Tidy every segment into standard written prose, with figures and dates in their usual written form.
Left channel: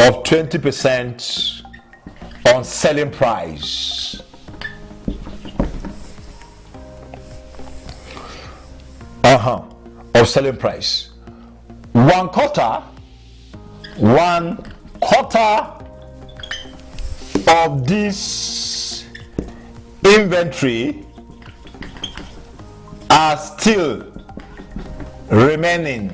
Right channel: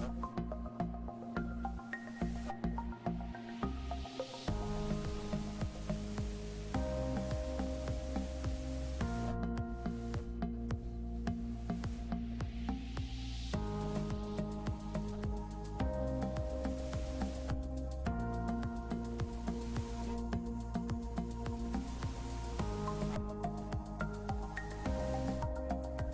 of 20% on selling price. Of selling price. One quarter of this inventory are still remaining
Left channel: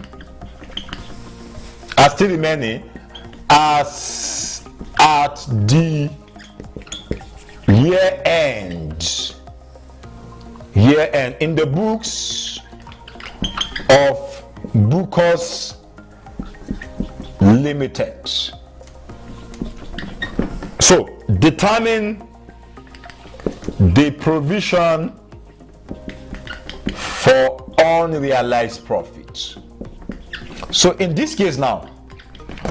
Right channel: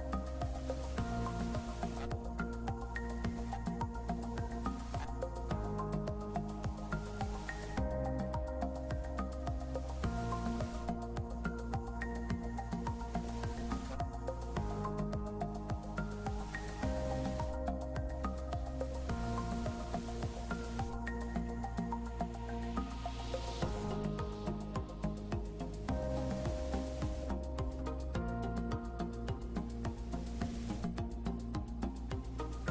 as at the year end in the books of Bookers Limited. So determine the provision for unrealized profits. So in this case now,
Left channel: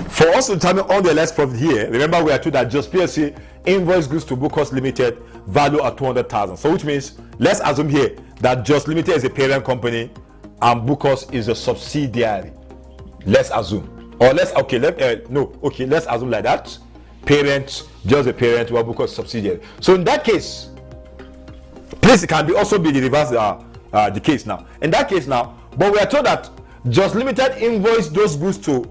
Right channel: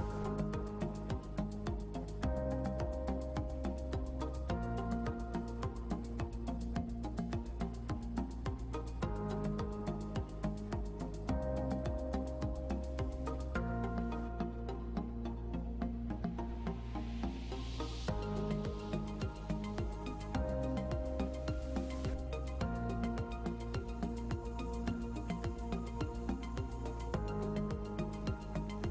for us to determine unrealized profit here, remember we are told that just PSC invoice goods to Bookers Limited value at 200,000. So which means let's assume here that Just Limited is a parent company and Bookers is a subsidiary. Let's assume, or let's let's assume like that. Parent, just a parent, while Bookers subsidiary. So in that case, please, it can be also be the reverse the case now. In that case now, but we are told that Just Limited invoice those goods to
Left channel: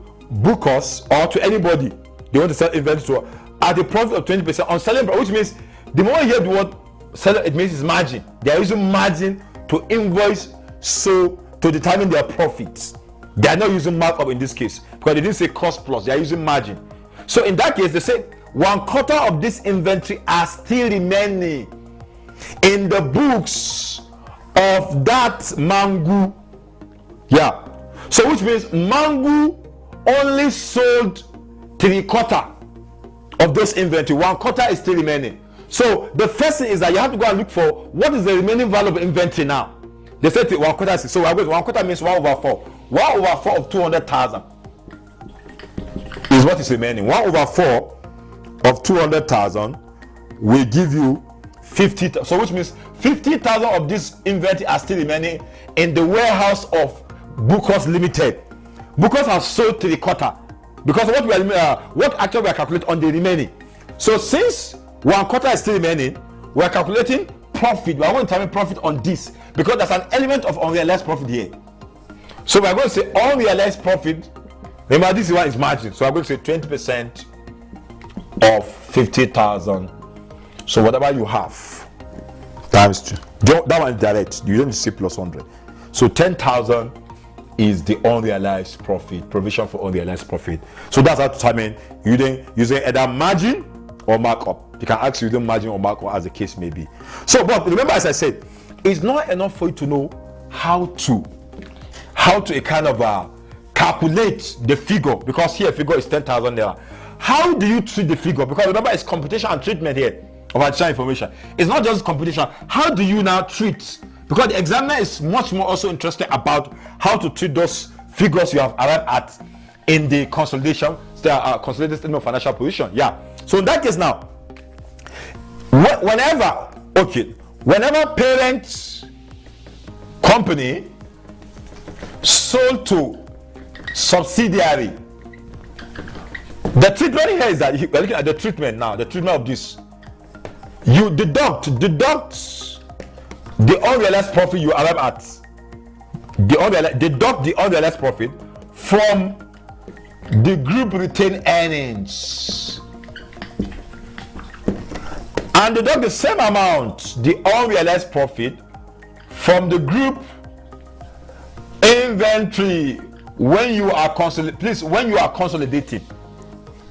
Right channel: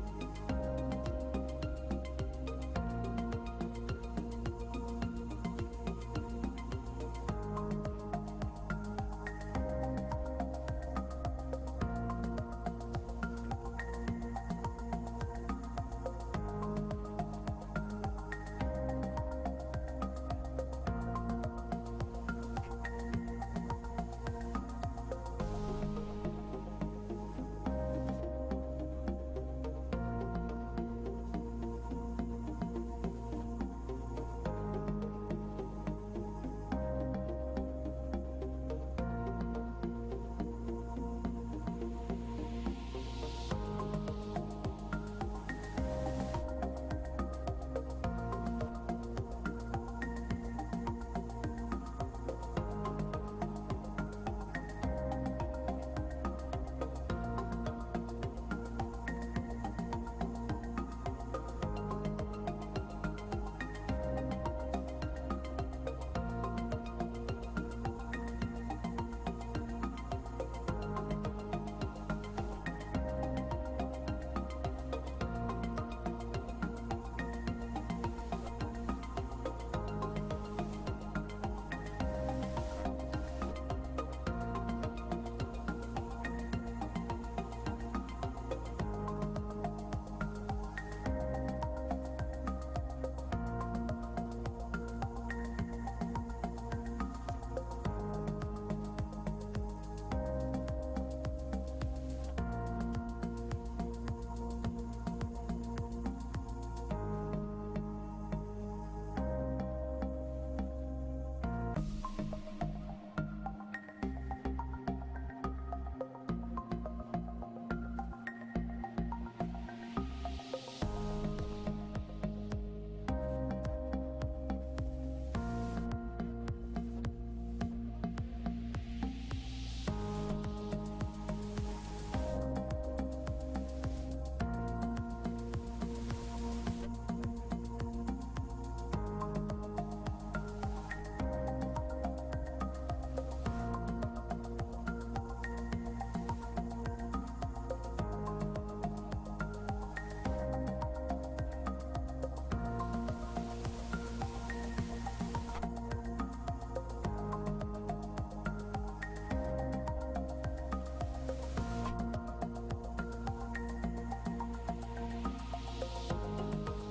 Bookers or to anybody they want to sell inventory to at a profit of 20% on selling, which means the moment you hear the word seller, it means it's margin. They are using margin to invoice, so to determine their profits. They are not using markup in this case because they didn't say cost plus, they are using margin. So in that case, they say one quarter of this inventory are still remaining in the books of that Mango. Yeah. So which means Mango only sold 3/4 of this inventory. 1/4 is still remaining. So the first thing is that you have to go and look for what is the remaining value of inventory now. They said 1/4. So 1/4 means 1/4. 1/4 of 200,000 is what is remaining. 1/4 of 200,000 will give you 50,000. So which means 50,000 of this inventory are still remaining in the warehouse of Bookers Limited. Bookers have sold 3/4 because what actually we are calculating on the remaining. So since 1/4 is still remaining, we are calculating profit. We are going to determine profit on this because there's an element of unrealized profit here. So we are going to say unrealized profit. Remember, this one is margin. So I'm going to say 20% of 50,000. So whatever you have times 2. That one is direct. You don't say plus 100. So 10,000 is the unrealized profit, provision for unrealized profit. So that's how to determine using either margin or markup. You can ask using margin or markup as the case may be. So, but remember, as I said, it's not enough for you to know how to kind of calculate the figure, because here figure is 10,000 naira. How do you treat the figure? Because remember, it's computation and treatment here of additional information. It's not just computation. How do you now treat? Because the examiner is much more also interested about how to treat those figures you have arrived at in the consolidated statement of financial position. Yeah. So in that case now, whenever parent company sold to subsidiary, the treatment here is that we're looking at the treatment now. The treatment of this, you deduct the unrealized profit you arrive at. Deduct the unrealized profit from the group retained earnings, and deduct the same amount, the unrealized profit, from the group inventory when you are consolidating.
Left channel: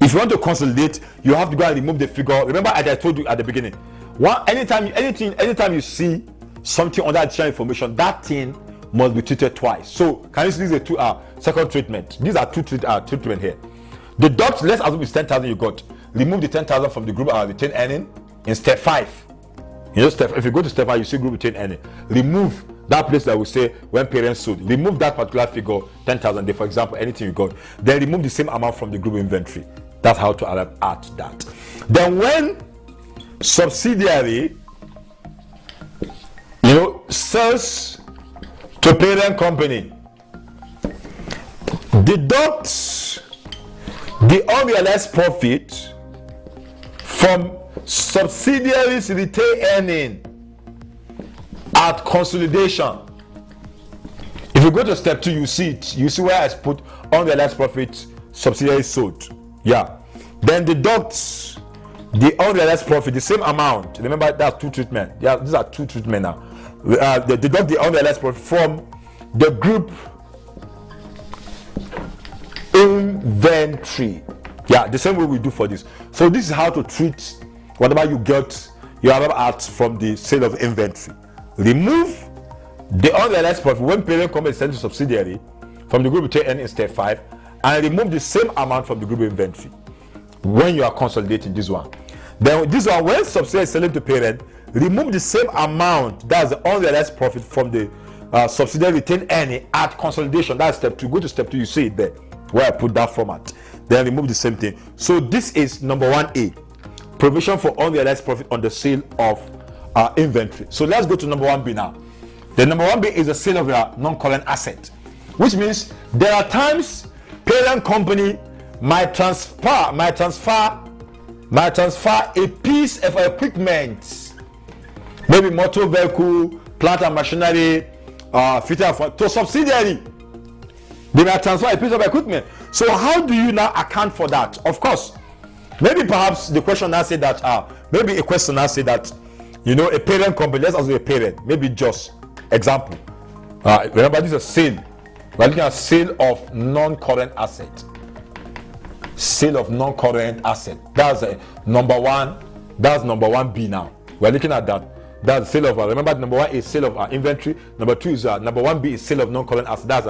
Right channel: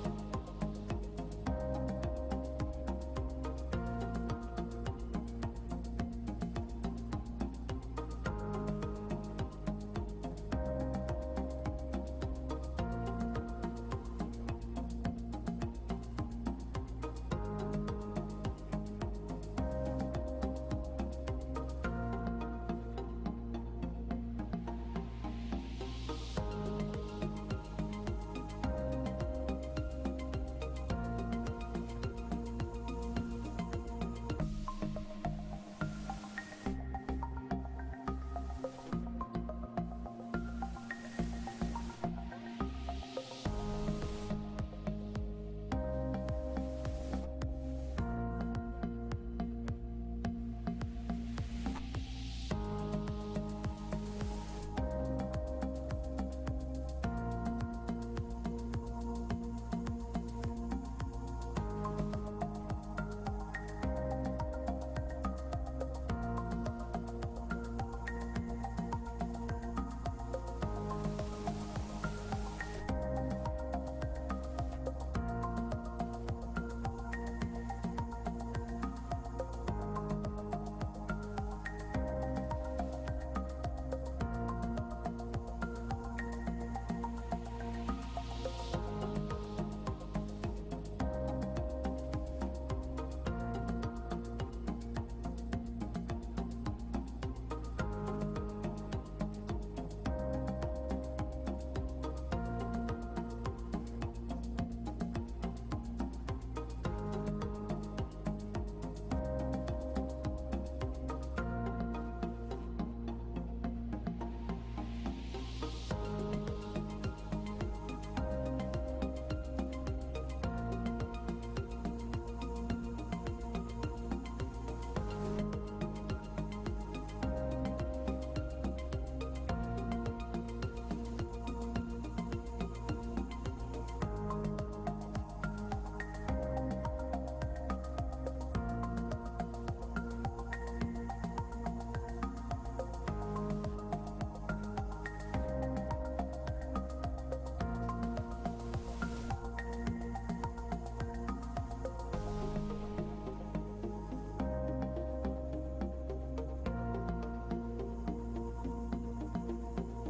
If you want to consolidate, you have to go and remove the figure. Remember, as I told you at the beginning, anytime you see something under additional information, that thing must be treated twice. So can you see this is a second treatment? These are two treatment here. Deduct, let's assume it's 10,000 you got. Remove the 10,000 from the group retained earning in step 5. If you go to step 5, you see group retained earning. Remove that place that will say when parents sold. Remove that particular figure, 10,000. For example, anything you got. Then remove the same amount from the group inventory. That's how to arrive at that. Then when subsidiary, sells to parent company, deduct the unrealized profit from subsidiaries retained earning at consolidation. If you go to step 2, you see it. You see where I put unrealized profit subsidiaries sold. Yeah. Then deduct the unrealized profit, the same amount. Remember, that's two treatment. Yeah, these are two treatment now. They deduct the unrealized profit from the group inventory. Yeah, the same way we do for this. So this is how to treat whatever you get your other at from the sale of inventory. Remove the unrealized profit when parent company sends to subsidiary from the group retained earning in step 5, and remove the same amount from the group inventory when you are consolidating this one. Then this one, when subsidiary is selling to parent, remove the same amount, that's the unrealized profit, from the subsidiary retained earning at consolidation. That's step 2. Go to step 2, you see it there where I put that format. Then remove the same thing. So this is number 1A, provision for unrealized profit on the sale of inventory. So let's go to number 1B now. The number 1B is the sale of your non-current asset, which means there are times parent company might transfer a piece of equipment, maybe motor vehicle, plant and machinery, to subsidiary. They might transfer a piece of equipment. So how do you now account for that? Of course, maybe perhaps the question now say that maybe a question now say that, you know, a parent company, let's assume a parent, maybe just example. Remember, this is a sale. We're looking at sale of non-current asset. Sale of non-current asset. That's number 1. That's number 1B now. We're looking at that. That's sale of. Remember, number 1 is sale of inventory. Number 2 is number 1B is sale of non-current asset. That's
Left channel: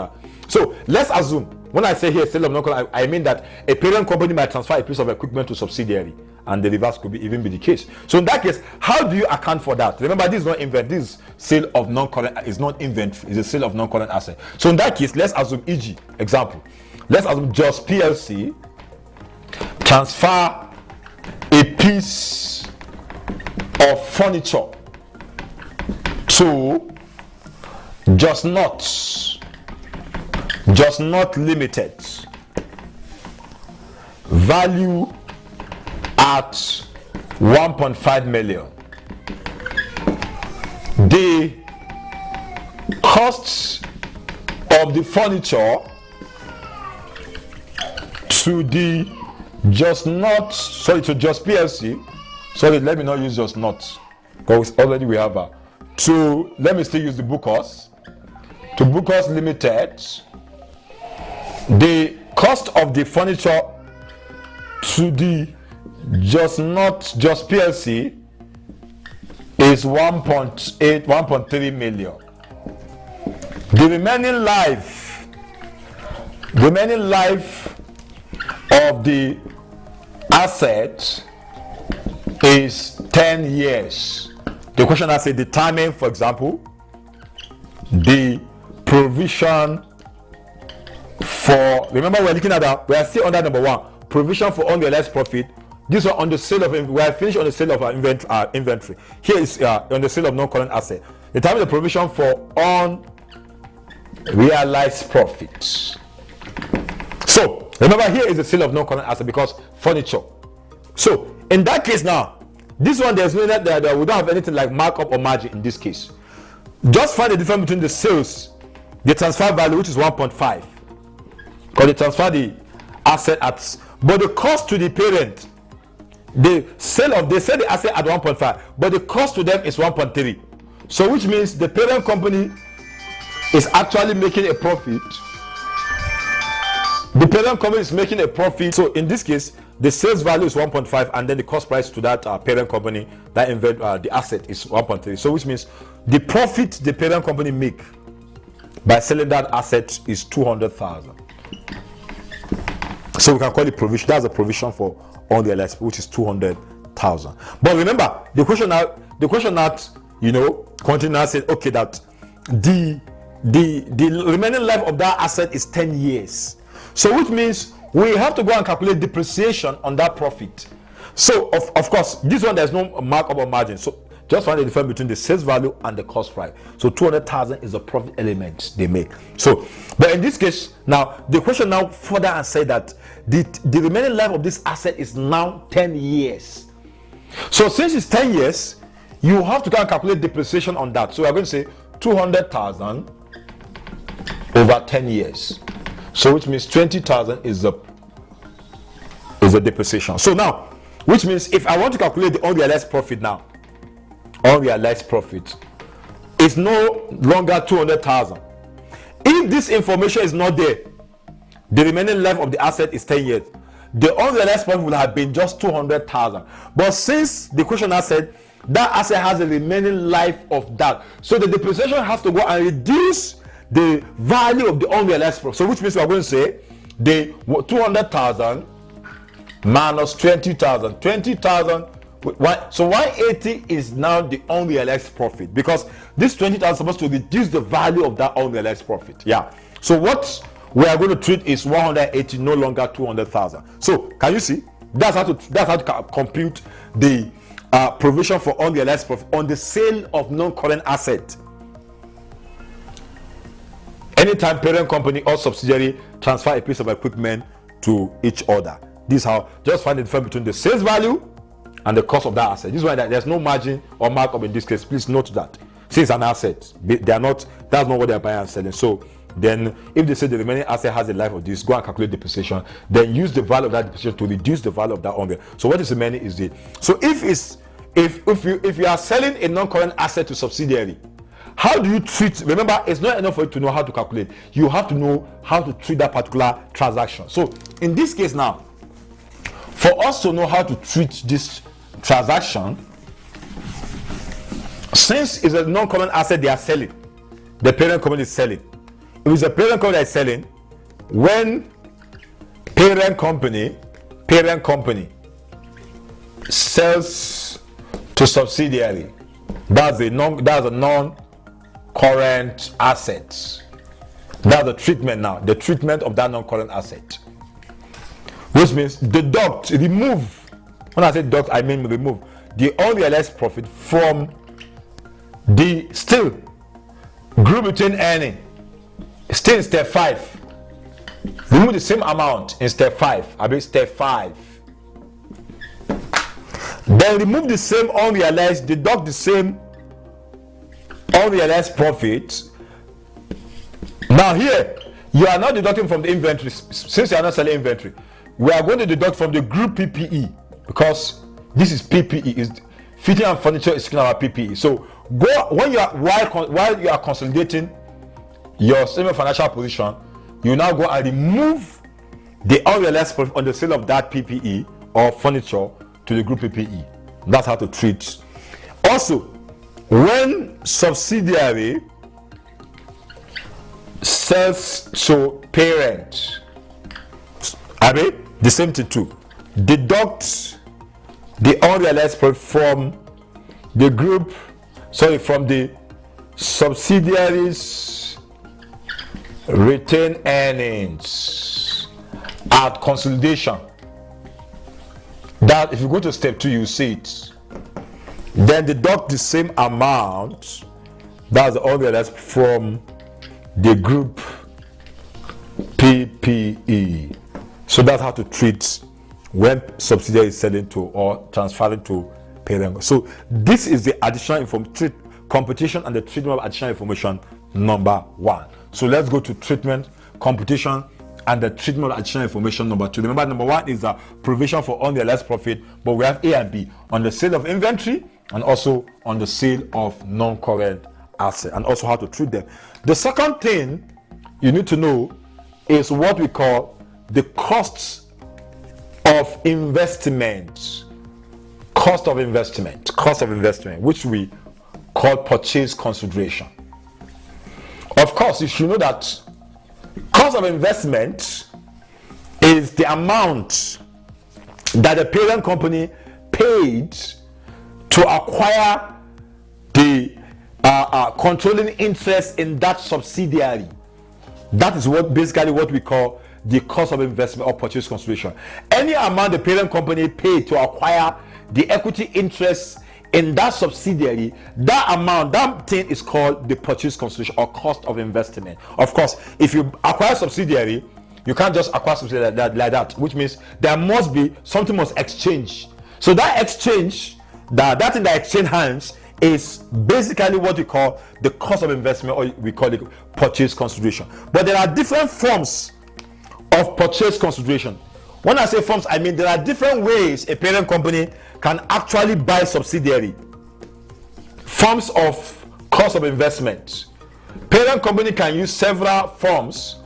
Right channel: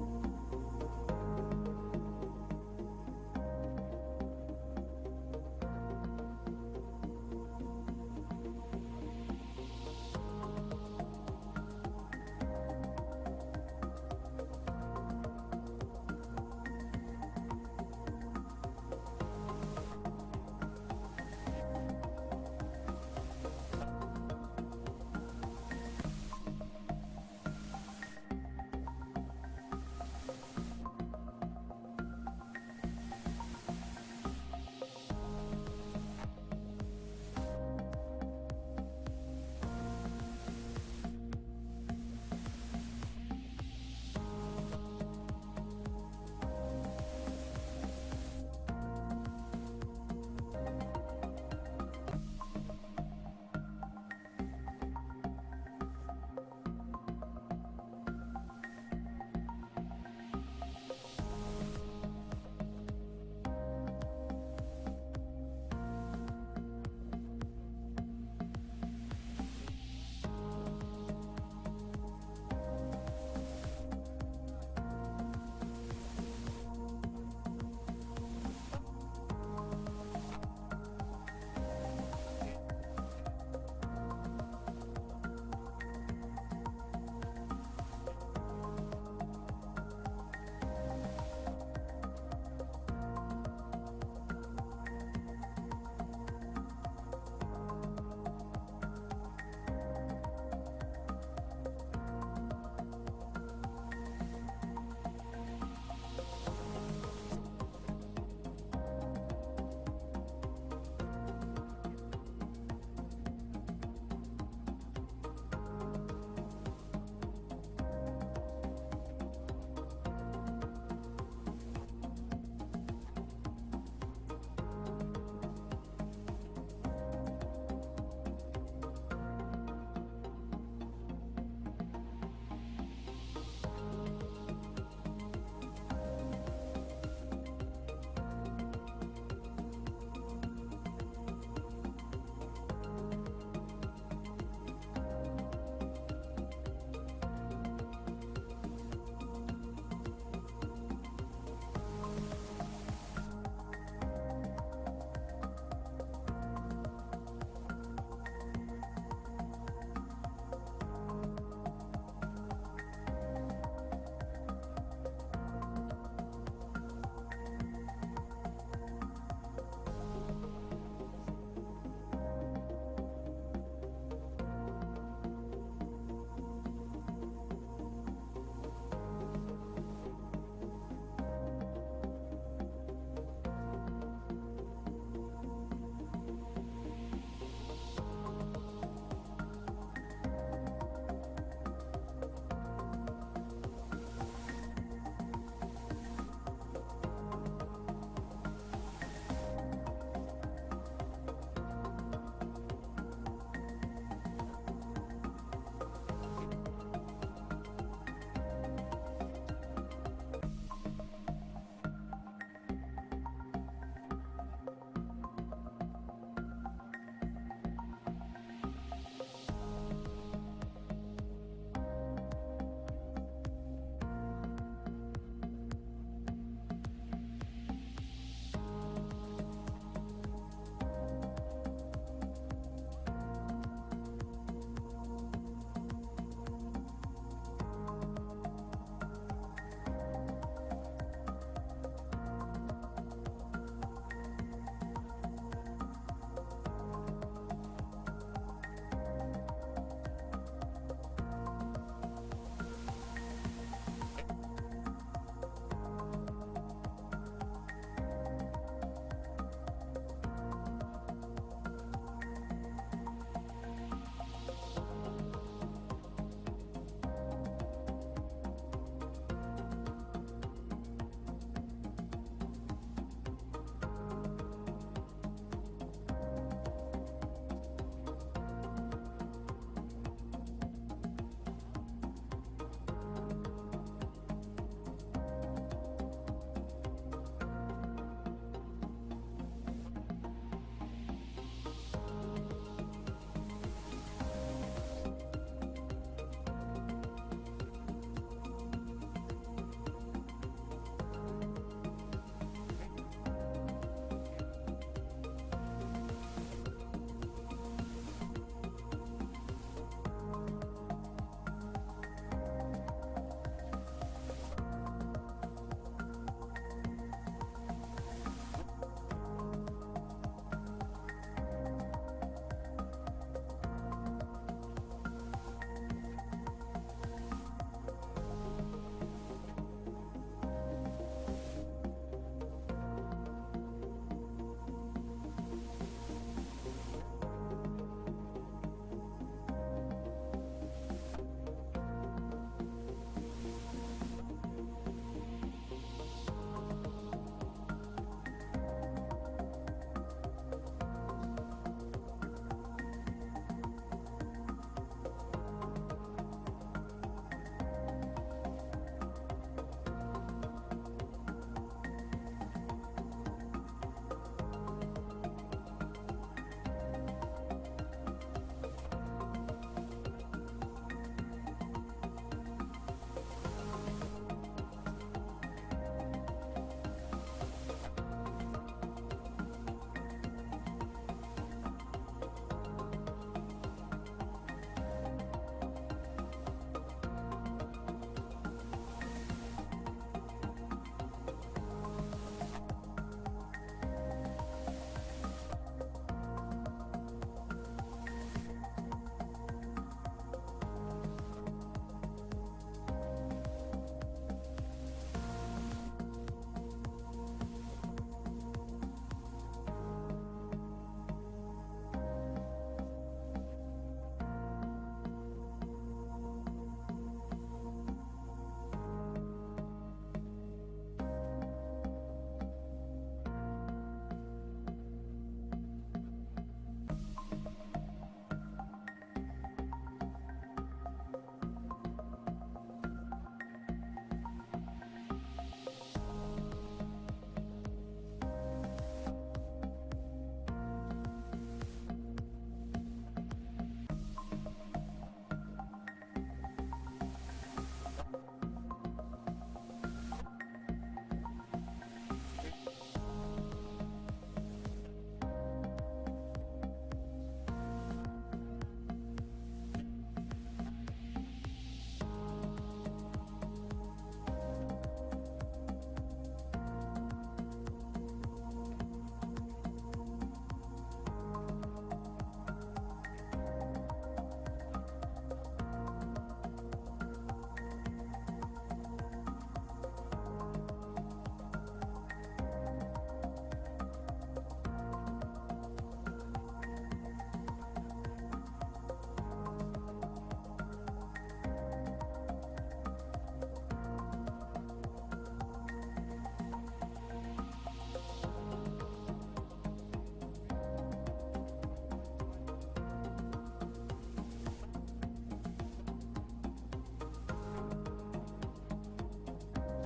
so let's assume when I say here sale of non-current, I mean that a parent company might transfer a piece of equipment to subsidiary, and the reverse could even be the case. So in that case, how do you account for that? Remember, this is not inventory. This sale of non-current is not inventory. It's a sale of non-current asset. So in that case, let's assume, e.g., example, let's assume just PLC transfer a piece of furniture to Just Not Limited, value at 1.5 million. The costs of the furniture to the Just PLC. Sorry, let me not use Just Not, because already we have let me still use the Bookers. To Bookers Limited, the cost of the furniture to the Just PLC is 1.3 million. The remaining life of the asset is 10 years. The question has said determine, for example, the provision for, remember we're looking at we are still under number 1, provision for unrealized profit. This one on the sale of, we are finished on the sale of our inventory. Here is on the sale of non-current asset. Determine the provision for unrealized profits. So remember, here is the sale of non-current asset because furniture. So in that case now, this one there's no that we don't have anything like markup or margin in this case. Just find the difference between the sales, the transfer value, which is 1.5, because they transfer the asset at, but the cost to the parent, they sell the asset at 1.5, but the cost to them is 1.3. So which means the parent company is actually making a profit. The parent company is making a profit. So in this case, the sales value is 1.5, and then the cost price to that parent company, that the asset, is 1.3. So which means the profit the parent company make by selling that asset is 200,000. So we can call it provision. That's a provision for unrealized, which is 200,000. But remember, the question that continue says, okay, that the remaining life of that asset is 10 years. So which means we have to go and calculate depreciation on that profit. So of course, this one there's no markup or margin. So just find the difference between the sales value and the cost price. So 200,000 is the profit element they make. So, but in this case, now the question now further and say that the remaining life of this asset is now 10 years. So since it's 10 years, you have to calculate depreciation on that. So we are going to say 200,000 over 10 years. So which means 20,000 is the depreciation. So now, which means if I want to calculate the unrealized profit now, unrealized profit is no longer 200,000. If this information is not there, the remaining life of the asset is 10 years. The unrealized profit would have been just 200,000. But since the question has said that asset has a remaining life of that, so the depreciation has to go and reduce the value of the unrealized profit. So which means we are going to say the 200,000 minus 20,000. 20,000. So 180 is now the unrealized profit, because this 20,000 is supposed to reduce the value of that unrealized profit. Yeah. So what we are going to treat is 180, no longer 200,000. So can you see? That's how to compute the provision for unrealized profit on the sale of non-current asset. Anytime parent company or subsidiary transfer a piece of equipment to each other. This is how, just find the difference between the sales value and the cost of that asset. This is why there's no margin or markup in this case. Please note that. Since it's an asset, they are not, that's not what they're buying and selling. So then if they say the remaining asset has a life of this, go and calculate depreciation, then use the value of that depreciation to reduce the value of that unrealized. So what is remaining is the, so if you are selling a non-current asset to subsidiary, how do you treat? Remember, it's not enough for you to know how to calculate. You have to know how to treat that particular transaction. So in this case now, for us to know how to treat this transaction, since it's a non-current asset they are selling, the parent company is selling. If it's a parent company that is selling, when parent company sells to subsidiary, that's a non-current asset. That's the treatment now, the treatment of that non-current asset. Which means remove, when I say deduct, I mean remove the unrealized profit from the still group between earning. Still in step 5. Remove the same amount in step 5. I mean step 5. Then remove the same unrealized, deduct the same unrealized profit. Now here, you are not deducting from the inventory. Since you are not selling inventory, we are going to deduct from the group PPE, because this is PPE, is fitting and furniture is our PPE. So go when you are while you are consolidating your semi-financial position, you now go and remove the unrealized profit on the sale of that PPE or furniture to the group PPE. That's how to treat. Also, when subsidiary sells to parent, I mean the same thing too. Deduct the unrealized profit from the group, from the subsidiaries' retained earnings at consolidation. That if you go to step 2, you see it. Then deduct the same amount, that's the unrealized, from the group PPE. So that's how to treat when subsidiary is selling to or transferring to parent. So this is the additional computation and the treatment of additional information number 1. So let's go to treatment, computation, and the treatment of additional information number 2. Remember, number 1 is the provision for unrealized profit, but we have A and B on the sale of inventory and also on the sale of non-current asset, and also how to treat them. The second thing you need to know is what we call the costs of investment. Cost of investment, which we call purchase consideration. Of course, you should know that cost of investment is the amount that the parent company paid to acquire the controlling interest in that subsidiary. That is what we call the cost of investment or purchase consideration. Any amount the parent company paid to acquire the equity interest in that subsidiary, that amount, that thing is called the purchase consideration or cost of investment. Of course, if you acquire subsidiary, you can't just acquire subsidiary like that, which means there must be something must exchange. So that exchange, that thing that exchange hands is basically what we call the cost of investment, or we call it purchase consideration. But there are different forms of purchase consideration. When I say forms, I mean there are different ways a parent company can actually buy subsidiary. Forms of cost of investment. Parent company can use several forms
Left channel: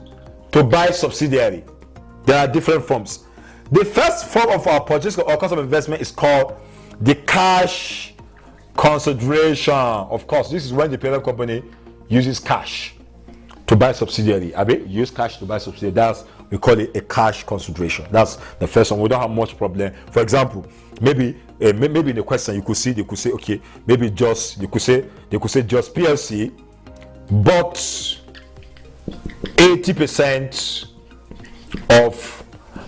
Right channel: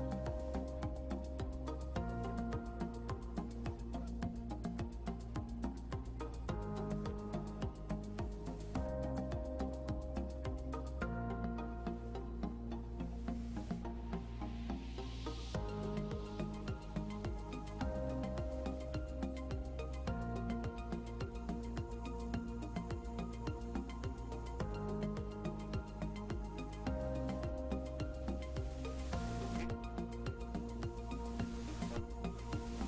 to buy subsidiary. There are different forms. The first form of our purchase or cost of investment is called the cash consideration. Of course, this is when the parent company uses cash to buy subsidiary. I mean, use cash to buy subsidiary. That's, we call it a cash consideration. That's the first one. We don't have much problem. For example, maybe in the question they could say, okay, maybe just they could say just PLC bought 80% of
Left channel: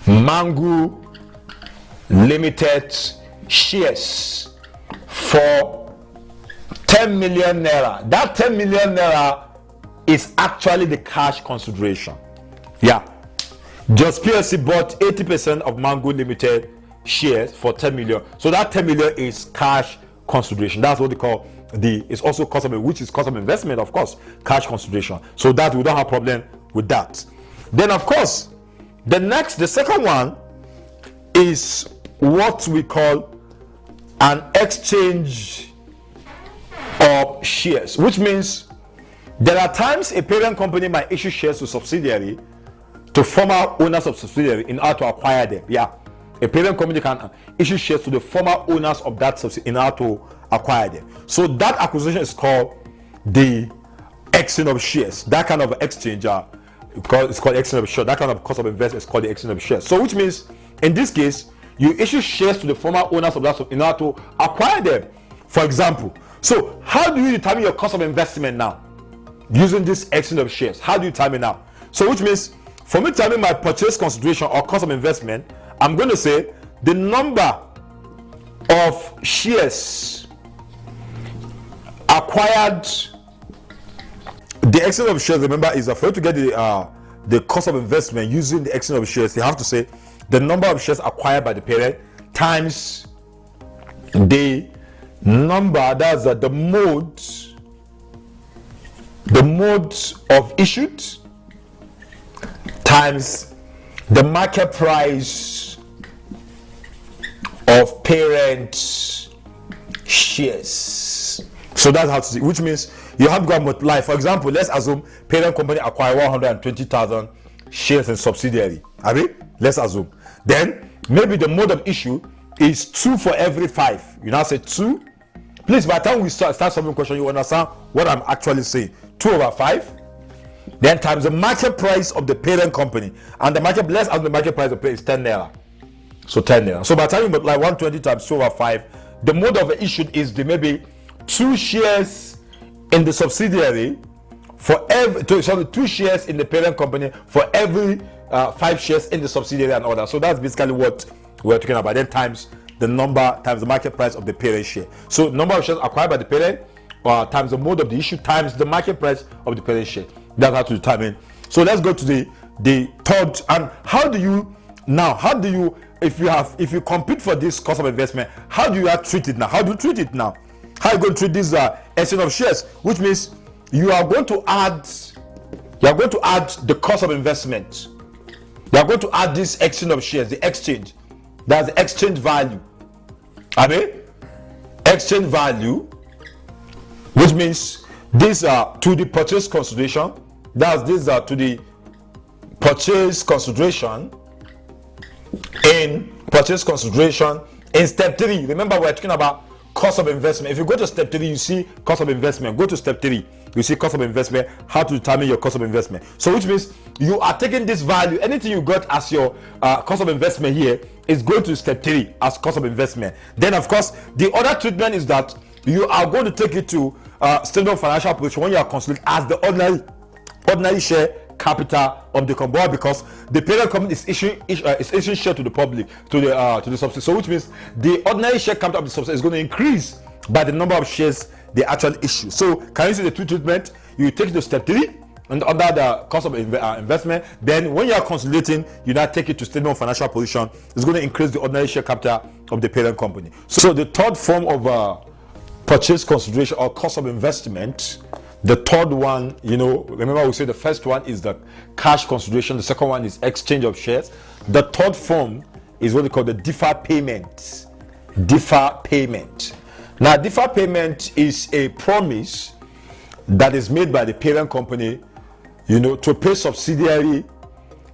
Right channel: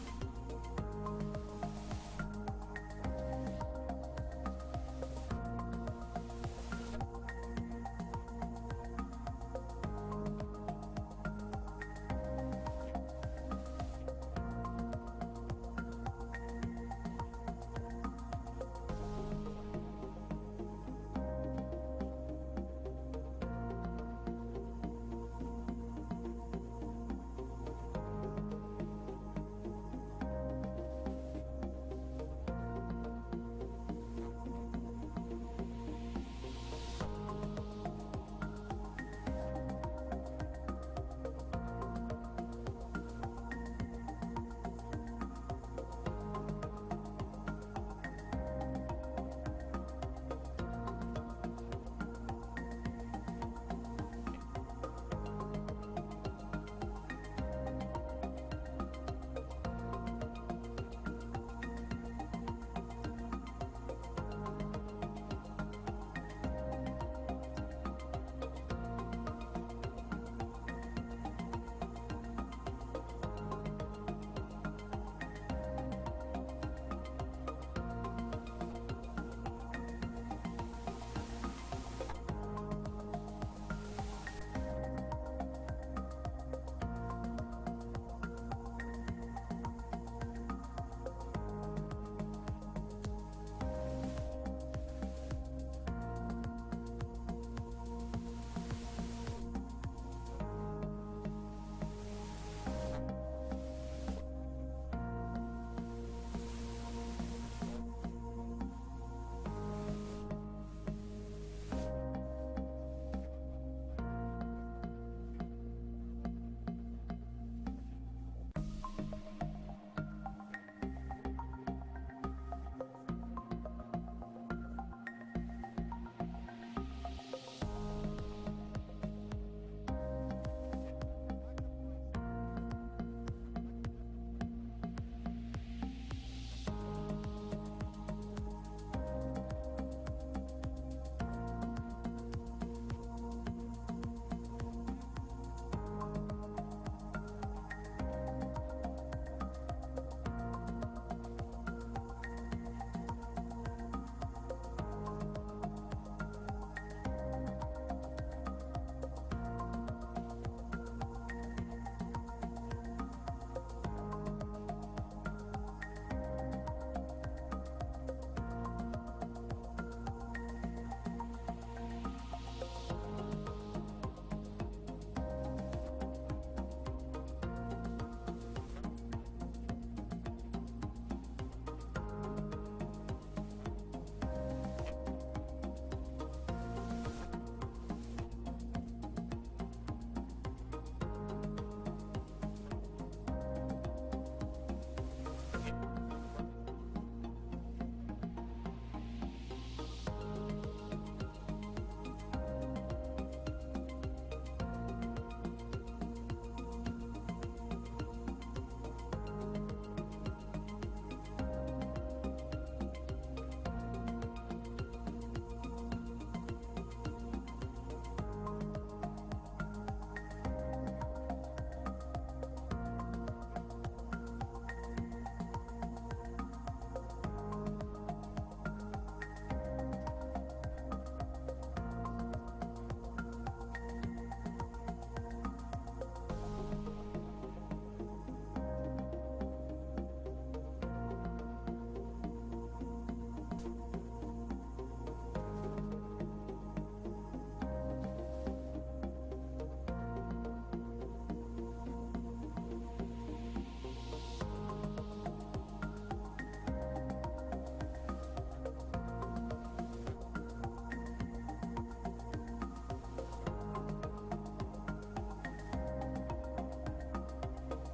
Mango Limited shares for 10 million naira. That 10 million naira is actually the cash consideration. Yeah, just PLC bought 80% of Mango Limited shares for 10 million. So that 10 million is cash consideration. That's what they call it's also cost of, which is cost of investment, of course, cash consideration. So that we don't have problem with that. Then of course, the second one is what we call an exchange of shares, which means there are times a parent company might issue shares to subsidiary, to former owners of subsidiary, in order to acquire them. Yeah, a parent company can issue shares to the former owners of that subsidiary in order to acquire them. So that acquisition is called the exchange of shares. That kind of exchange, it's called exchange of shares. That kind of cost of investment is called the exchange of shares. So which means in this case, you issue shares to the former owners of that in order to acquire them. For example, so how do you determine your cost of investment now? Using this exchange of shares, how do you determine now? So which means for me to determine my purchase consideration or cost of investment, I'm going to say the number of shares acquired. The exchange of shares, remember, is for you to get the cost of investment using the exchange of shares. You have to say the number of shares acquired by the parent times the number, that's the mode of issued, times the market price of parent shares. So that's how to see, which means you have to go and multiply. For example, let's assume parent company acquire 120,000 shares in subsidiary. I mean, let's assume. Then maybe the mode of issue is 2 for every 5. You now say 2. Please, by the time we start solving question, you understand what I'm actually saying. 2 over 5. Then times the market price of the parent company. And the market, let's assume the market price of the parent is 10 naira. So 10 naira. So by the time you multiply 120 times 2 over 5, the mode of the issue is the maybe 2 shares in the subsidiary for every 2 shares in the parent company for every 5 shares in the subsidiary and all that. So that's basically what we're talking about. Then times the number times the market price of the parent share. So number of shares acquired by the parent times the mode of the issue times the market price of the parent share. That's how to determine. So let's go to the third. And how do you if you compete for this cost of investment, how do you treat it now? How do you treat it now? How are you going to treat this exchange of shares? Which means you are going to add the cost of investment. You are going to add this exchange of shares, the exchange. That's the exchange value. I mean, exchange value, which means these are to the purchase consideration. These are to the purchase consideration in purchase consideration in step 3. Remember, we're talking about cost of investment. If you go to step 3, you see cost of investment. Go to step 3, you see cost of investment, how to determine your cost of investment. So which means you are taking this value, anything you got as your cost of investment here is going to step 3 as cost of investment. Then of course the other treatment is that you are going to take it to statement of financial position when you are considered as the ordinary share capital of the company, because the parent company is issuing share to the public, to the subsidiary. So which means the ordinary share capital of the subsidiary is going to increase by the number of shares they actually issue. So can you see the two treatment? You take it to step 3 and under the cost of investment. Then when you are consolidating, you now take it to statement of financial position. It's going to increase the ordinary share capital of the parent company. So the third form of purchase consideration or cost of investment, the third one, remember we said the first one is the cash consideration, the second one is exchange of shares. The third form is what we call the deferred payment. Deferred payment. Now, deferred payment is a promise that is made by the parent company, to pay subsidiary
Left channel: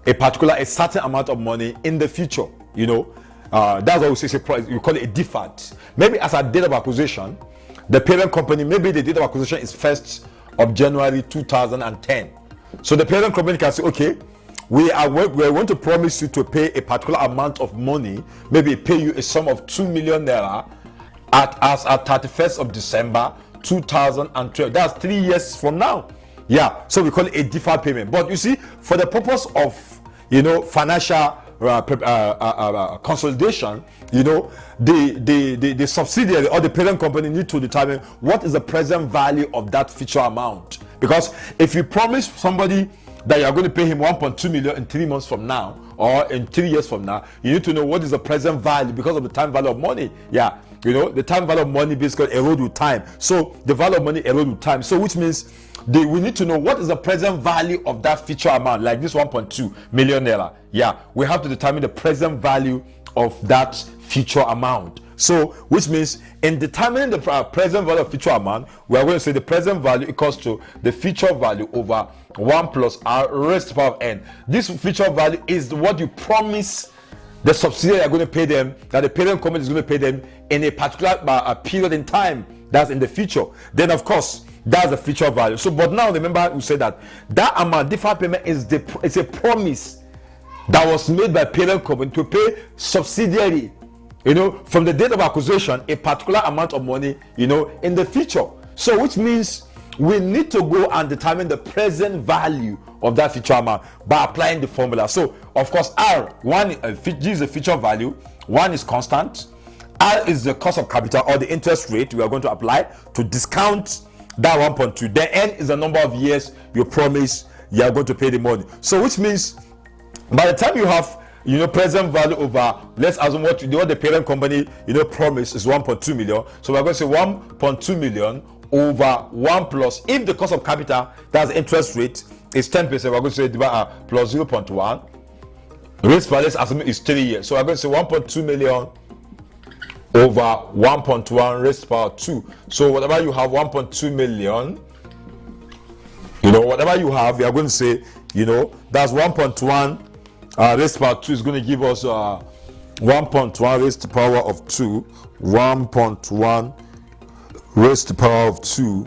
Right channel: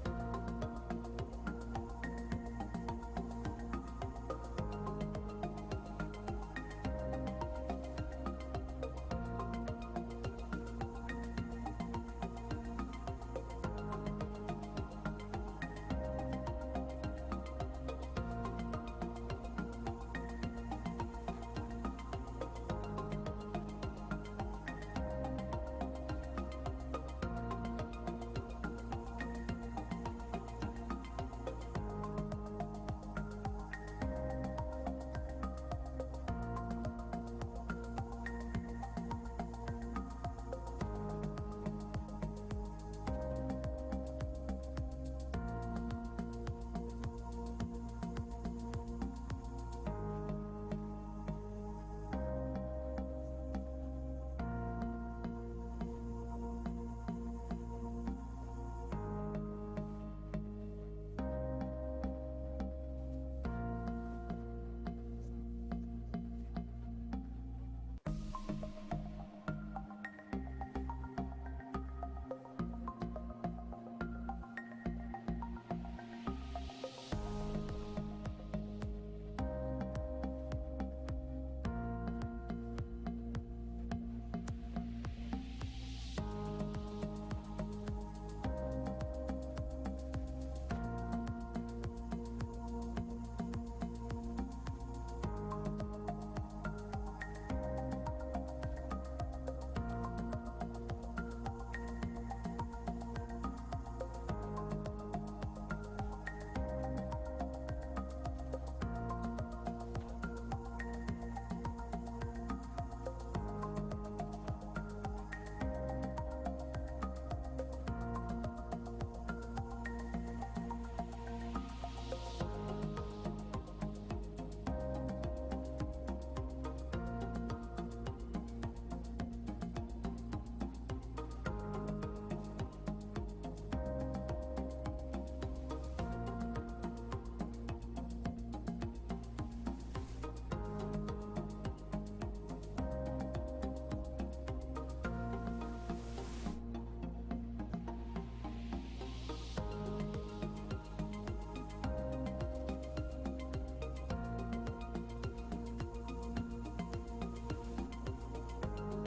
a certain amount of money in the future. That's what we say. We call it a deferred. Maybe as a date of acquisition, the parent company, maybe the date of acquisition is 1st of January 2010. So the parent company can say, okay, we are going to promise you to pay a particular amount of money, maybe pay you a sum of 2 million naira at 31st of December 2012. That's 3 years from now. Yeah, so we call it a deferred payment. But you see, for the purpose of financial consolidation, the subsidiary or the parent company need to determine what is the present value of that future amount. Because if you promise somebody that you are going to pay him 1.2 million in 3 months from now or in 3 years from now, you need to know what is the present value because of the time value of money. Yeah, the time value of money basically erode with time. So the value of money erode with time. So which means we need to know what is the present value of that future amount, like this 1.2 million naira. Yeah, we have to determine the present value of that future amount. So which means in determining the present value of future amount, we are going to say the present value equals to the future value over 1 plus r raised to the power of n. This future value is what you promise the subsidiary are going to pay them, that the parent company is going to pay them in a particular period in time, that's in the future. Then of course that's the future value. So but now remember we said that amount, deferred payment, is a promise that was made by parent company to pay subsidiary, from the date of acquisition, a particular amount of money, in the future. So which means we need to go and determine the present value of that future amount by applying the formula. So of course G is the future value, 1 is constant, R is the cost of capital or the interest rate we are going to apply to discount that 1.2. The N is the number of years you promise you are going to pay the money. So which means by the time you have present value over, let's assume what the parent company promise is 1.2 million. So we're going to say 1.2 million over 1 plus, if the cost of capital, that's interest rate, is 10%, we're going to say plus 0.1. Raised per, let's assume is 3 years. So we're going to say 1.2 million over 1.1 raised to power 2. So whatever you have, 1.2 million, whatever you have, we are going to say, that's 1.1 raised to power 2 is going to give us 1.1 raised to power of 2, 1.1 raised to power of 2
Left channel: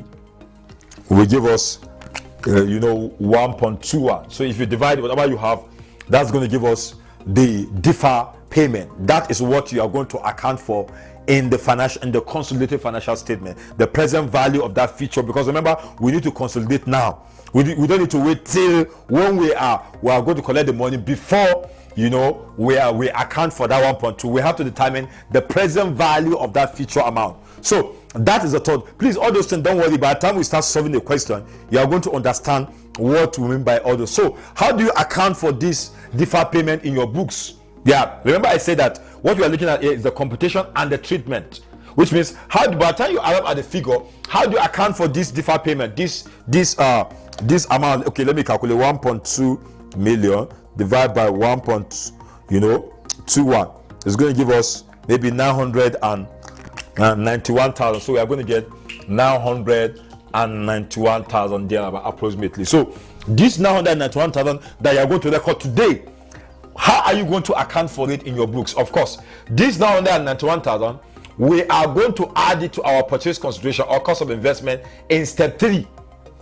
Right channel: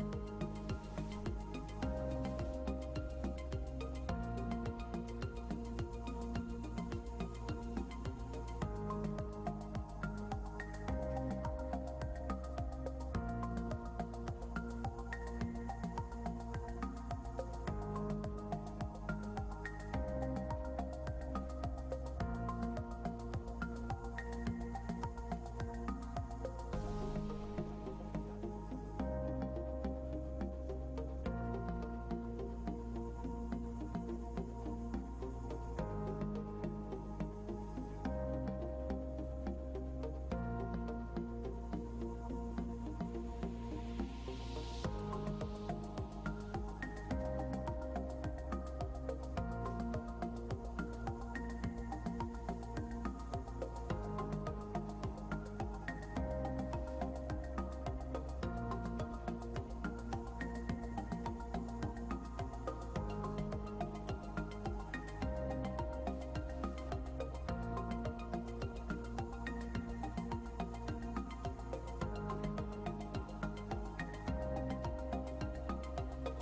will give us 1.21. So if you divide whatever you have, that's going to give us the deferred payment. That is what you are going to account for in the consolidated financial statement, the present value of that feature. Because remember, we need to consolidate now. We don't need to wait till when we are going to collect the money before we account for that 1.2. We have to determine the present value of that future amount. So that is the thought. Please, all those things, don't worry. By the time we start solving the question, you are going to understand what we mean by all those. So how do you account for this deferred payment in your books? Yeah, remember I said that what you are looking at here is the computation and the treatment, which means by the time you arrive at the figure, how do you account for this deferred payment, this amount? Okay, let me calculate. 1.2 million divided by 1.21 is going to give us maybe 991,000. So we are going to get 991,000 there approximately. So this 991,000 that you are going to record today, how are you going to account for it in your books? Of course, this 991,000, we are going to add it to our purchase consideration or cost of investment in step 3.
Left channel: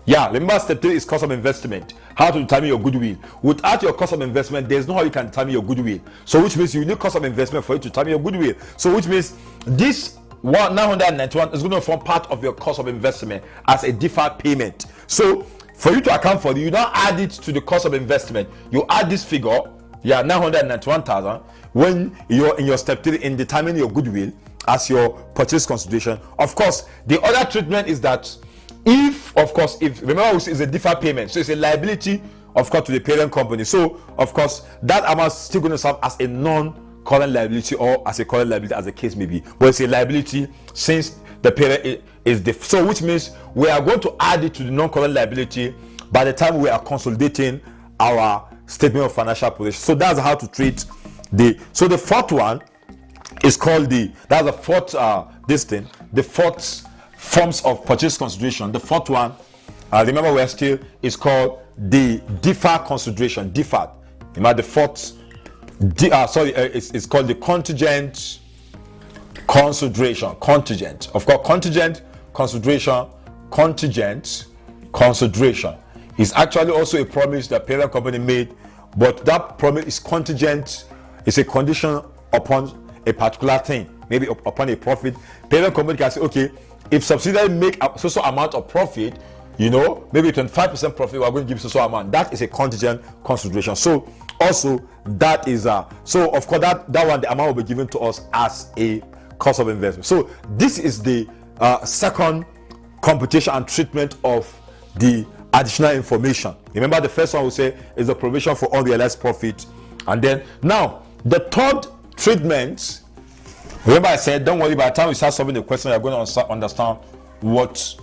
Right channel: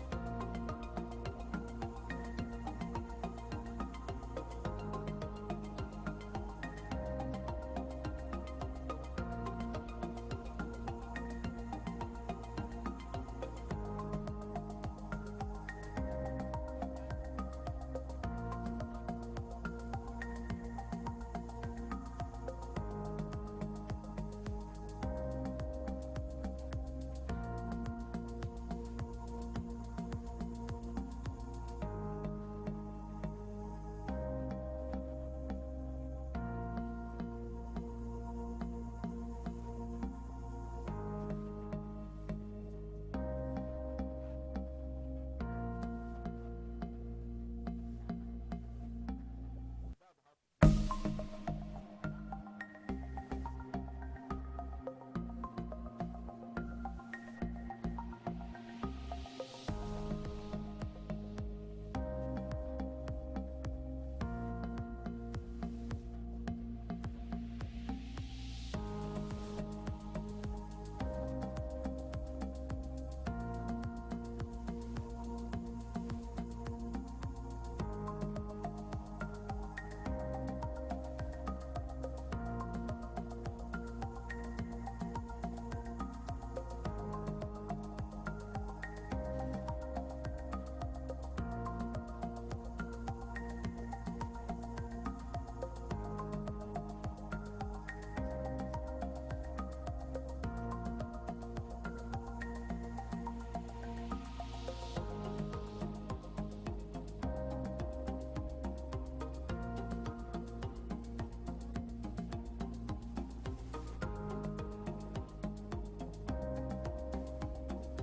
Yeah, remember step 3 is cost of investment. How to determine your goodwill. Without your cost of investment, there's no how you can determine your goodwill. So which means you need cost of investment for you to determine your goodwill. So which means this 991 is going to form part of your cost of investment as a deferred payment. So for you to account for it, you now add it to the cost of investment. You add this figure, 991,000, when you're in your step 3 in determining your goodwill, as your purchase consideration. Of course, the other treatment is that if remember it's a deferred payment, so it's a liability, of course, to the parent company. So of course that amount is still going to serve as a non-current liability or as a current liability, as the case may be, but it's a liability since the parent is so which means we are going to add it to the non-current liability by the time we are consolidating our statement of financial position. So that's how to treat the fourth one is called the fourth forms of purchase consideration. The fourth one, remember, we're still, is called the deferred consideration. Deferred. Remember the fourth. It's called the contingent consideration. Contingent. Of course, contingent consideration. Contingent consideration is actually also a promise that parent company made, but that promise is contingent. It's a condition upon a particular thing, maybe upon a profit. Parent company can say, okay, if subsidiary make a so amount of profit, maybe 25% profit, we are going to give so amount. That is a contingent consideration. So also that is so of course that one, the amount will be given to us as a cost of investment. So this is the second computation and treatment of the additional information. Remember, the first one we say is the provision for unrealized profit, and then now the third treatment. Remember, I said, don't worry, by the time we start solving the question, you're going to understand what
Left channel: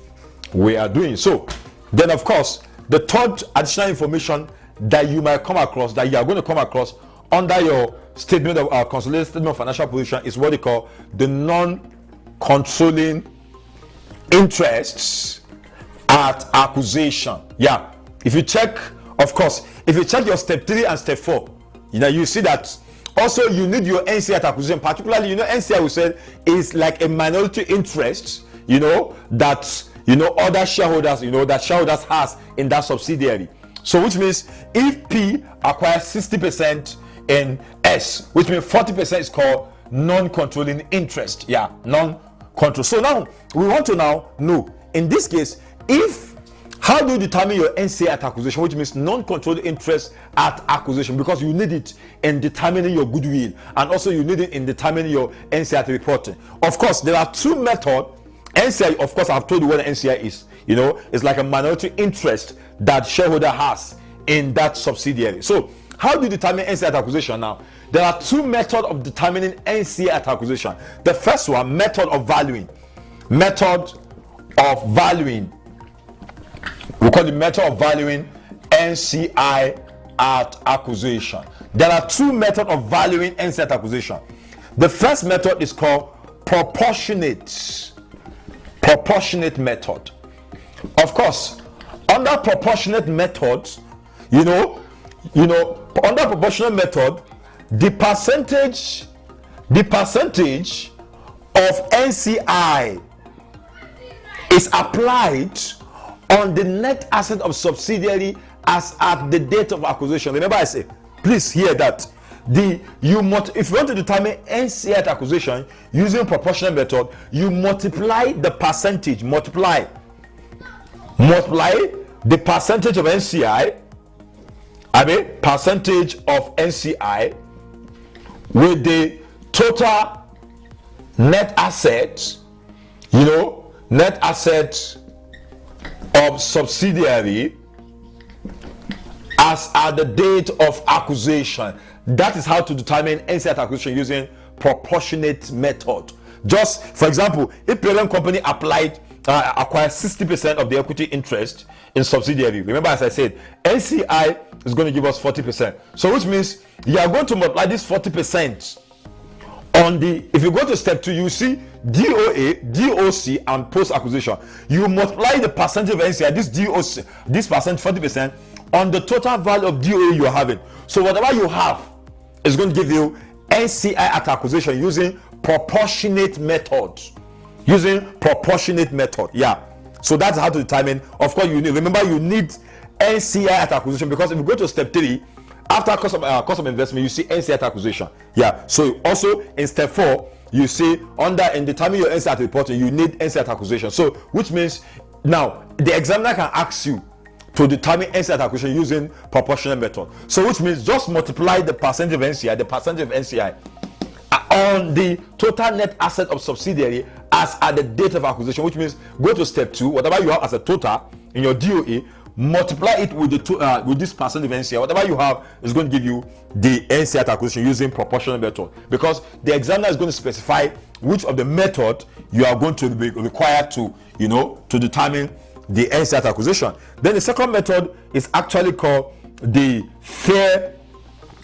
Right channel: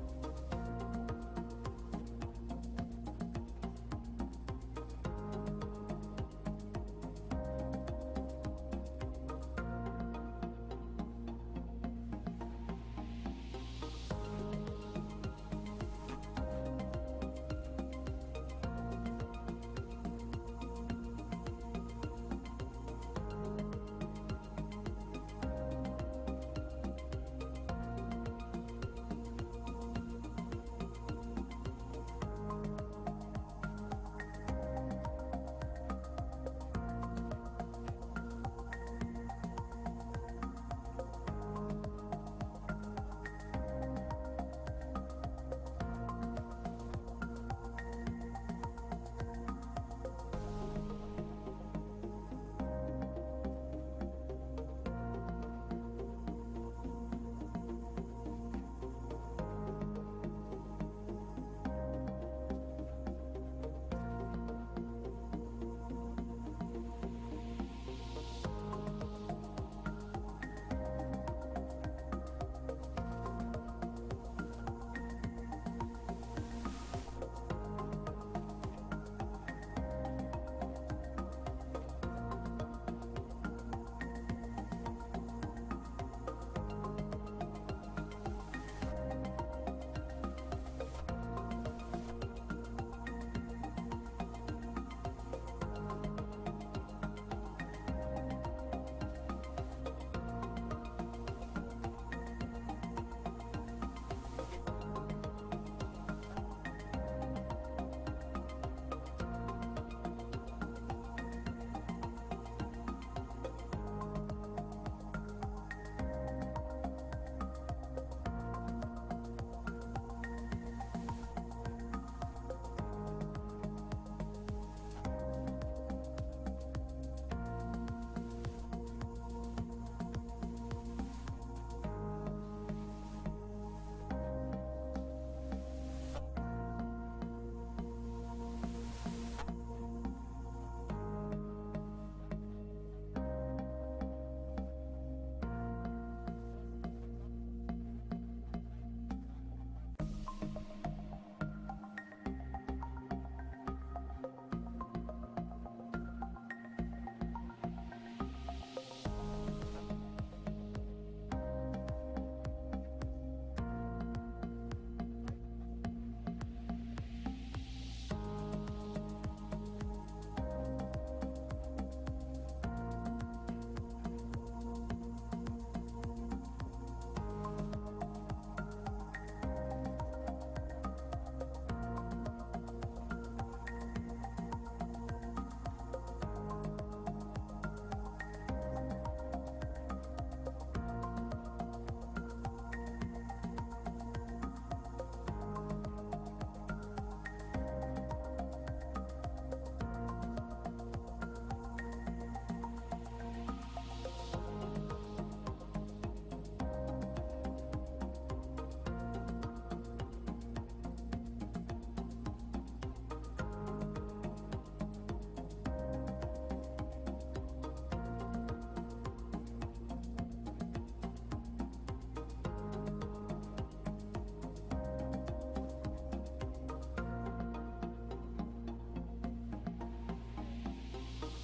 we are doing. So then, of course, the third additional information that you might come across, that you are going to come across under your statement of consolidated statement of financial position, is what they call the non-controlling interests at acquisition. Yeah, if you check, of course, if you check your step 3 and step 4, you see that also you need your NCI at acquisition. Particularly, NCI we said is like a minority interest, that other shareholders, that shareholders has in that subsidiary. So which means if P acquires 60% in S, which means 40% is called non-controlling interest. Yeah, non-control. So now we want to know, in this case, how do you determine your NCI at acquisition, which means non-controlling interest at acquisition, because you need it in determining your goodwill, and also you need it in determining your NCI at reporting. Of course, there are two methods. NCI, of course, I've told you what NCI is. It's like a minority interest that shareholder has in that subsidiary. So how do you determine NCI at acquisition now? There are two methods of determining NCI at acquisition. The first one, method of valuing. Method of valuing. We call the method of valuing NCI at acquisition. There are two methods of valuing NCI at acquisition. The first method is called proportionate method. Of course, under proportionate method, under proportionate method, the percentage of NCI is applied on the net asset of subsidiary as at the date of acquisition. Remember, I say, please hear that. If you want to determine NCI at acquisition using proportional method, you multiply the percentage, multiply the percentage of NCI, percentage of NCI with the total net assets, net assets of subsidiary as at the date of acquisition. That is how to determine NCI at acquisition using proportionate method. Just for example, if parent company acquired 60% of the equity interest in subsidiary, remember, as I said, NCI is going to give us 40%. So which means you are going to multiply this 40% on the, if you go to step 2, you see DOA, DOC, and post acquisition. You multiply the percentage of NCI, this DOC, this percent, 40%, on the total value of DOA you are having. So whatever you have is going to give you NCI at acquisition using proportionate method. Yeah. So that's how to determine. Of course, you need NCI at acquisition, because if you go to step 3, after cost of investment, you see NCI at acquisition. Yeah. So also in step 4, you see in determining your NCI at reporting, you need NCI at acquisition. So which means now the examiner can ask you to determine NCI at acquisition using proportional method. So which means just multiply the percentage of NCI, on the total net asset of subsidiary as at the date of acquisition, which means go to step 2, whatever you have as a total in your DOA, multiply it with the with this percent of NCI. Whatever you have is going to give you the NCI at acquisition using proportional method, because the examiner is going to specify which of the method you are going to be required to, to determine the NCI at acquisition. Then the second method is actually called the fair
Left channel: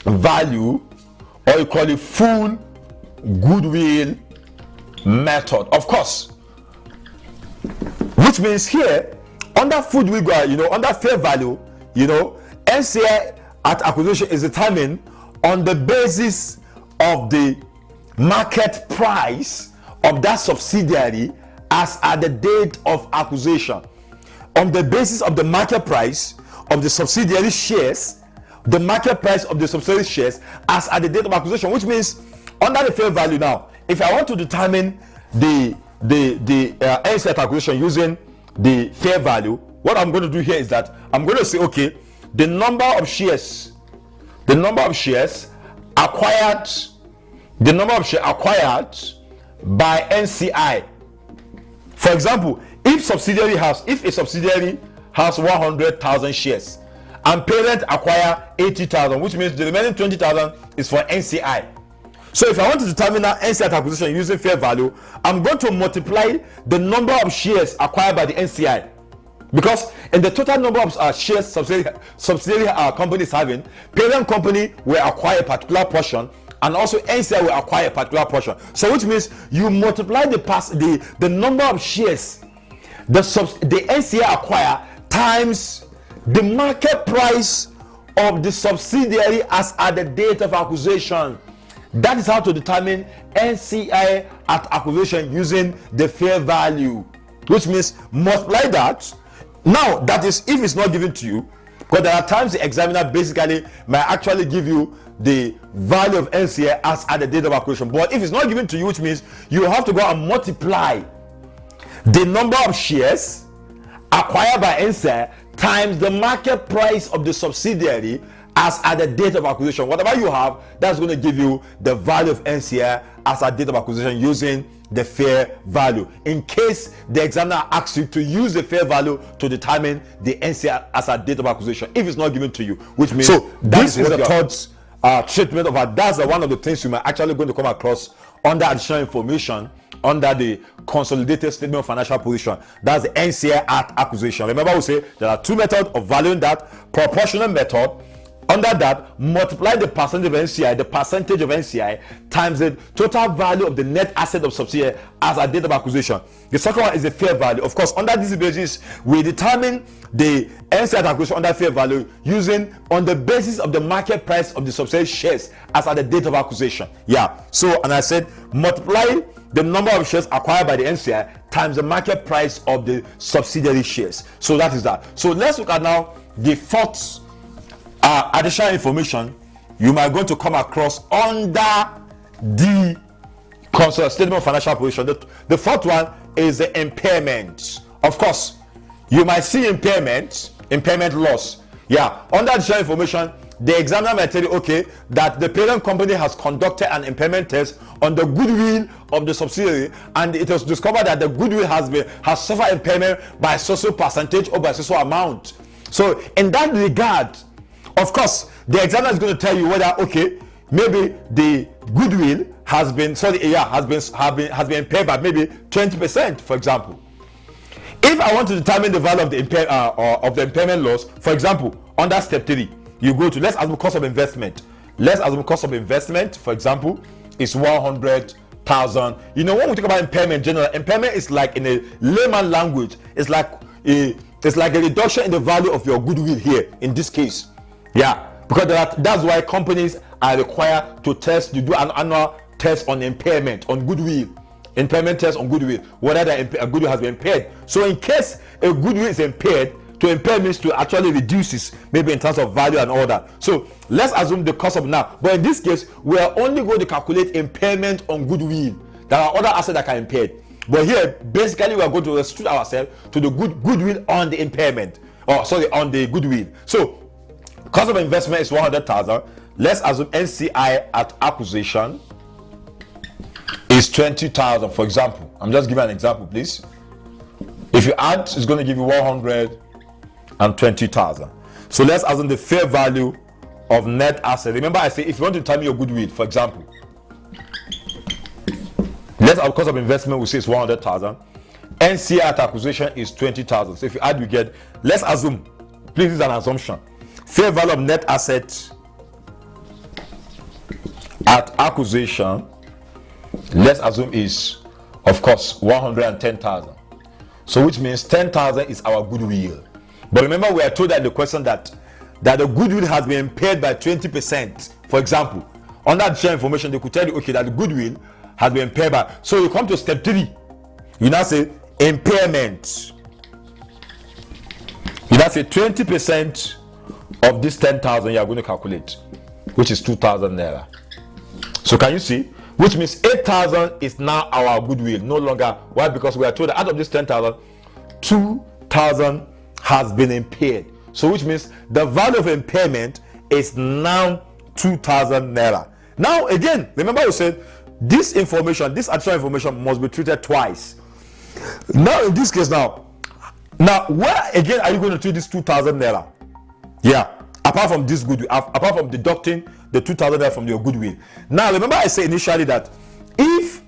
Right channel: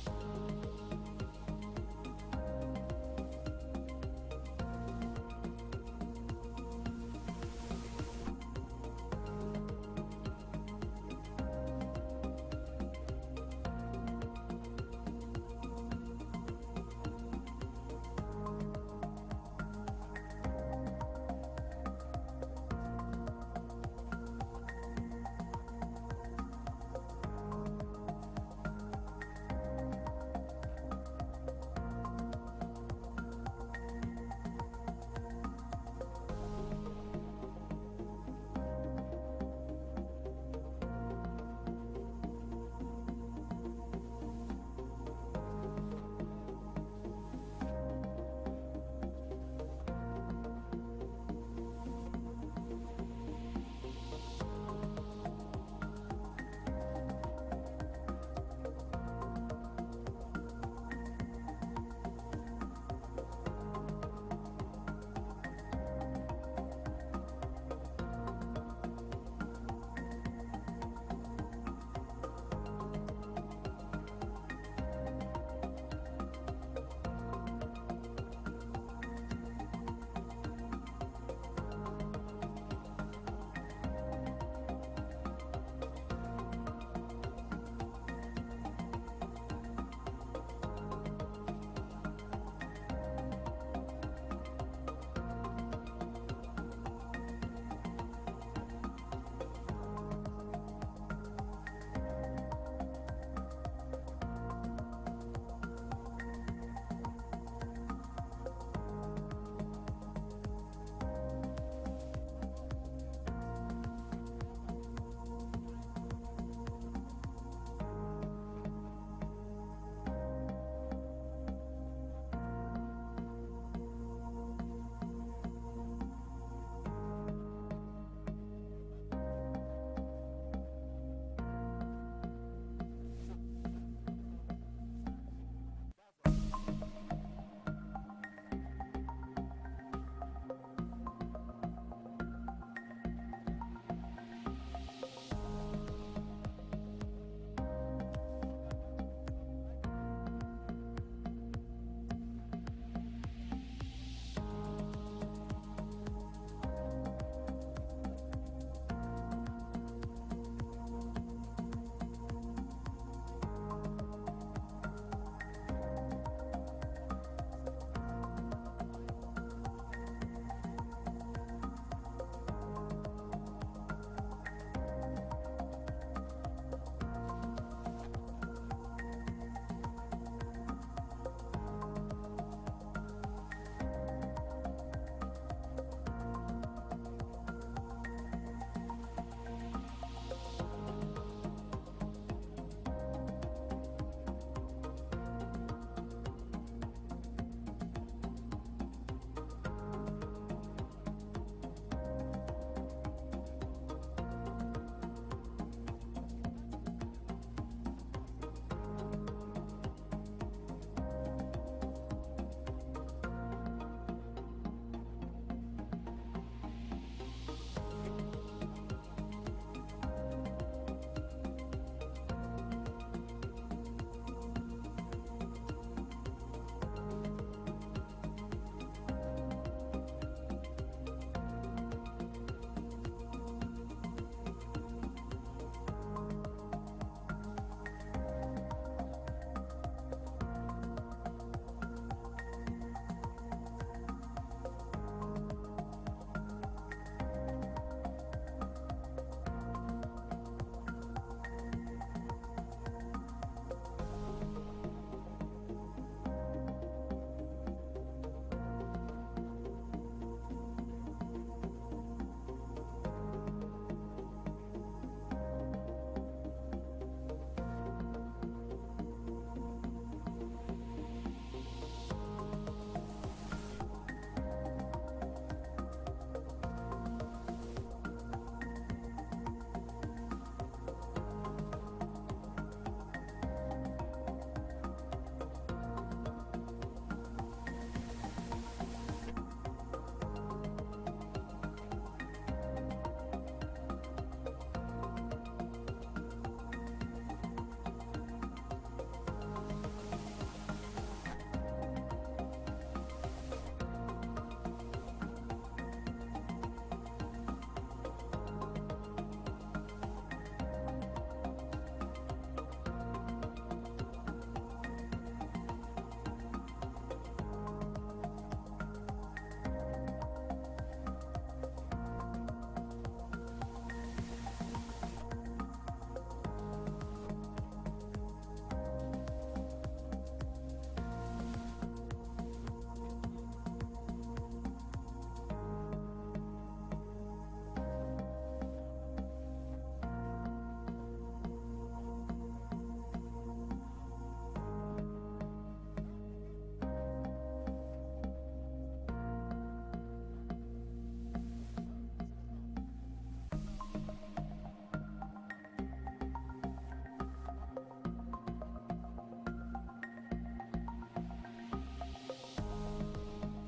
value, or you call it full goodwill method, of course, which means here under full goodwill, under fair value, NCI at acquisition is determined on the basis of the market price of that subsidiary as at the date of acquisition. On the basis of the market price of the subsidiary shares, the market price of the subsidiary shares as at the date of acquisition, which means under the fair value now, if I want to determine the NCI at acquisition using the fair value, what I'm going to do here is that I'm going to say, okay, the number of shares acquired by NCI. For example, if a subsidiary has 100,000 shares and parent acquire 80,000, which means the remaining 20,000 is for NCI. So if I want to determine our NCI at acquisition using fair value, I'm going to multiply the number of shares acquired by the NCI, because in the total number of shares subsidiary company is having, parent company will acquire a particular portion, and also NCI will acquire a particular portion. So which means you multiply the number of shares the NCI acquire times the market price of the subsidiary as at the date of acquisition. That is how to determine NCI at acquisition using the fair value, which means multiply that. Now, that is if it's not given to you, because there are times the examiner basically might actually give you the value of NCI as at the date of acquisition. But if it's not given to you, which means you have to go and multiply the number of shares acquired by NCI times the market price of the subsidiary as at the date of acquisition. Whatever you have, that's going to give you the value of NCI as at date of acquisition using the fair value, in case the examiner asks you to use the fair value to determine the NCI as at date of acquisition if it's not given to you, which means this is the third treatment of that. That's one of the things you might actually going to come across under additional information under the consolidated statement of financial position. That's the NCI at acquisition. Remember, we say there are two methods of valuing that: proportional method. Under that, multiply the percentage of NCI, times the total value of the net asset of subsidiary as at date of acquisition. The second one is the fair value. Of course, under this basis, we determine the NCI at acquisition under fair value using on the basis of the market price of the subsidiary shares as at the date of acquisition. So, and I said multiply the number of shares acquired by the NCI times the market price of the subsidiary shares. So that is that. So let's look at now the fourth additional information you might going to come across under the consolidated statement of financial position. The fourth one is the impairment. Of course, you might see impairment loss. Under additional information, the examiner might tell you, okay, that the parent company has conducted an impairment test on the goodwill of the subsidiary, and it was discovered that the goodwill has suffered impairment by a social percentage or by a social amount. So in that regard, of course, the examiner is going to tell you whether, okay, maybe the goodwill has been impaired by maybe 20%, for example. If I want to determine the value of the impairment loss, for example, under step 3, you go to, let's assume cost of investment. Let's assume cost of investment, for example, is 100,000. When we talk about impairment, general impairment is like, in a layman language, it's like a reduction in the value of your goodwill here in this case. Because that's why companies are required to do an annual test on impairment, on goodwill. Impairment test on goodwill, whether a goodwill has been impaired. So in case a goodwill is impaired, to impair means to actually reduces, maybe in terms of value and all that. So let's assume the cost of now. But in this case, we are only going to calculate impairment on goodwill. There are other assets that are impaired. But here, basically, we are going to restrict ourselves to the goodwill on the impairment. On the goodwill. So cost of investment is 100,000. Let's assume NCI at acquisition is 20,000, for example. I'm just giving an example, please. If you add, it's going to give you 120,000. So let's assume the fair value of net asset. Remember, I say if you want to determine your goodwill, for example, let's our cost of investment we say is 100,000. NCI at acquisition is 20,000. So if you add, you get. Let's assume, please, this is an assumption. Fair value of net asset at acquisition, let's assume is, of course, 110,000. So which means 10,000 is our goodwill. But remember, we are told that the question that the goodwill has been impaired by 20%. For example, on that share information, they could tell you, okay, that the goodwill has been impaired by. So you come to step 3. You now say impairment. You now say 20% of this 10,000 you are going to calculate, which is 2,000 naira. So can you see? Which means 8,000 is now our goodwill, no longer. Why? Because we are told that out of this 10,000, 2,000 has been impaired. So which means the value of impairment is now 2,000 naira. Now again, remember we said this information, this additional information must be treated twice. Now in this case, now where again are you going to treat this 2,000 naira? Yeah, apart from this goodwill, apart from deducting the 2,000 naira from your goodwill. Now remember I said initially that if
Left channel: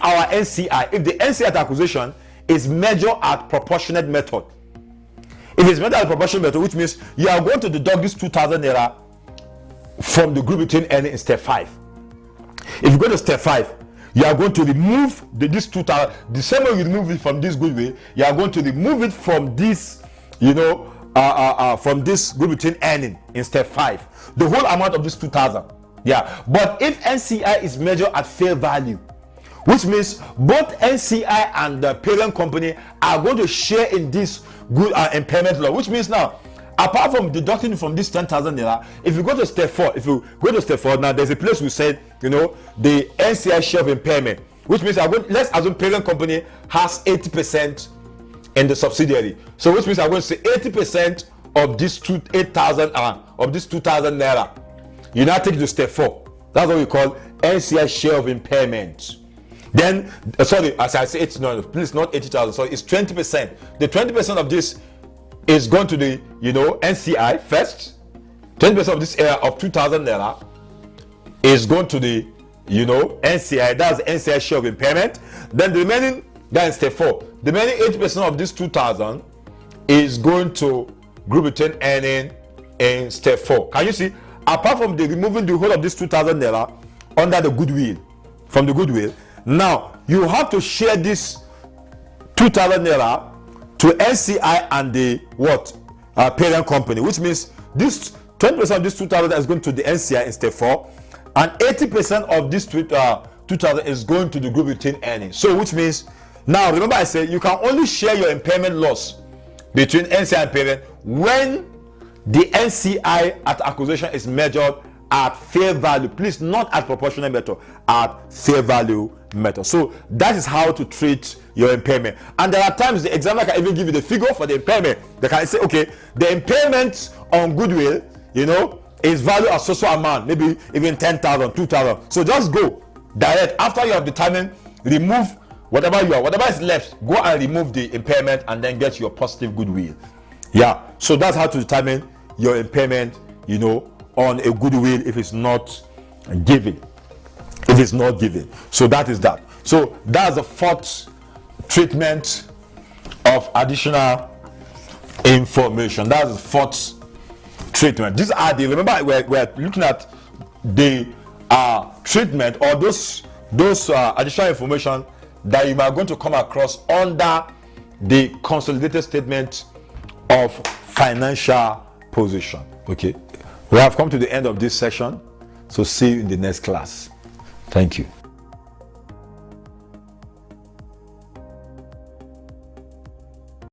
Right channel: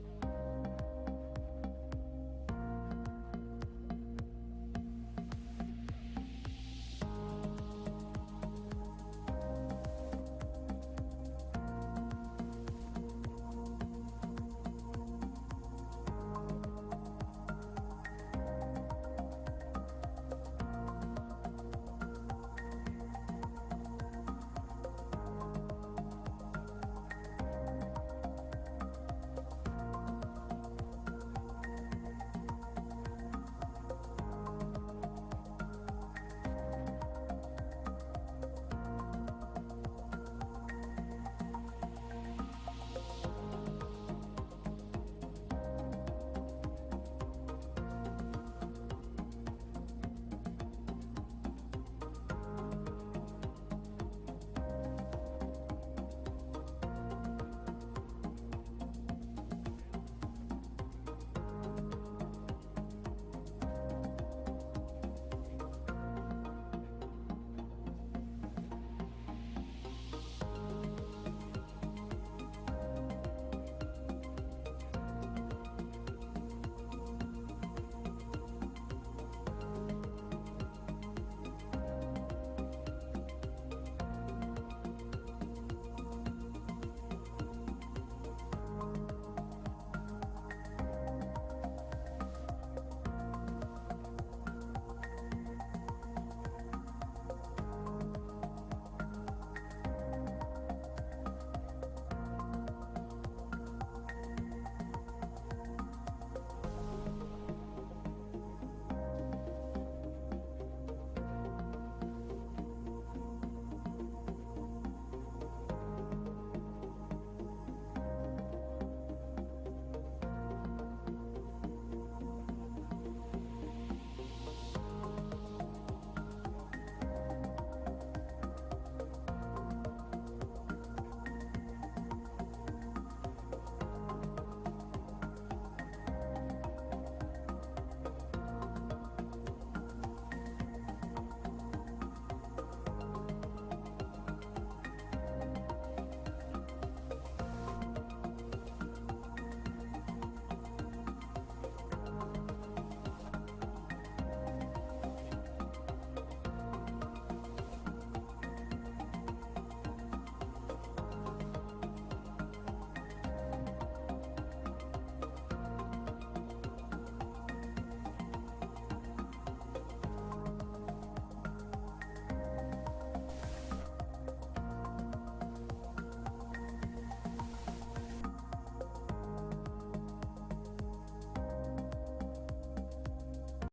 our NCI, if the NCI at acquisition is measured at proportionate method, if it's measured at proportionate method, which means you are going to deduct this 2,000 naira from the group between earning in step 5. If you go to step 5, you are going to remove this 2,000. The same way you remove it from this goodwill, you are going to remove it from this, from this group between earning in step 5. The whole amount of this 2,000. Yeah. But if NCI is measured at fair value, which means both NCI and the parent company are going to share in this good impairment law, which means now, apart from deducting from this 10,000 naira, if you go to step 4, now there's a place we said, the NCI share of impairment, which means let's assume parent company has 80% in the subsidiary. So which means I'm going to say 80% of this 8,000 of this 2,000 naira. You now take it to step 4. That's what we call NCI share of impairment. Then, sorry, as I say, it's not, please, not 80,000. So it's 20%. The 20% of this is going to the, NCI first. 20% of this area of 2,000 naira is going to the, NCI. That's NCI share of impairment. Then the remaining, that's step 4. The remaining 80% of this 2,000 is going to group between earning in step 4. Can you see? Apart from the removing the whole of this 2,000 naira under the goodwill, from the goodwill, now you have to share this 2,000 naira to NCI and the parent company, which means this 20% of this 2,000 is going to the NCI in step 4, and 80% of this 2,000 is going to the group between earnings. So which means, now remember I said you can only share your impairment loss between NCI and parent when the NCI at acquisition is measured at fair value. Please, not at proportionate method, at fair value method. So that is how to treat your impairment. And there are times the examiner can even give you the figure for the impairment. They can say, okay, the impairment on goodwill, is value of social amount, maybe even 10,000, 2,000. So just go direct after you have determined, remove whatever is left, go and remove the impairment and then get your positive goodwill. Yeah, so that's how to determine your impairment, on a goodwill if it's not given. If it's not given. So that is that. So that's the 4th treatment of additional information. That's the 4th treatment. These are remember we're looking at the treatment or those additional information that you are going to come across under the consolidated statement of financial position. Okay, we have come to the end of this session, so see you in the next class. Thank you.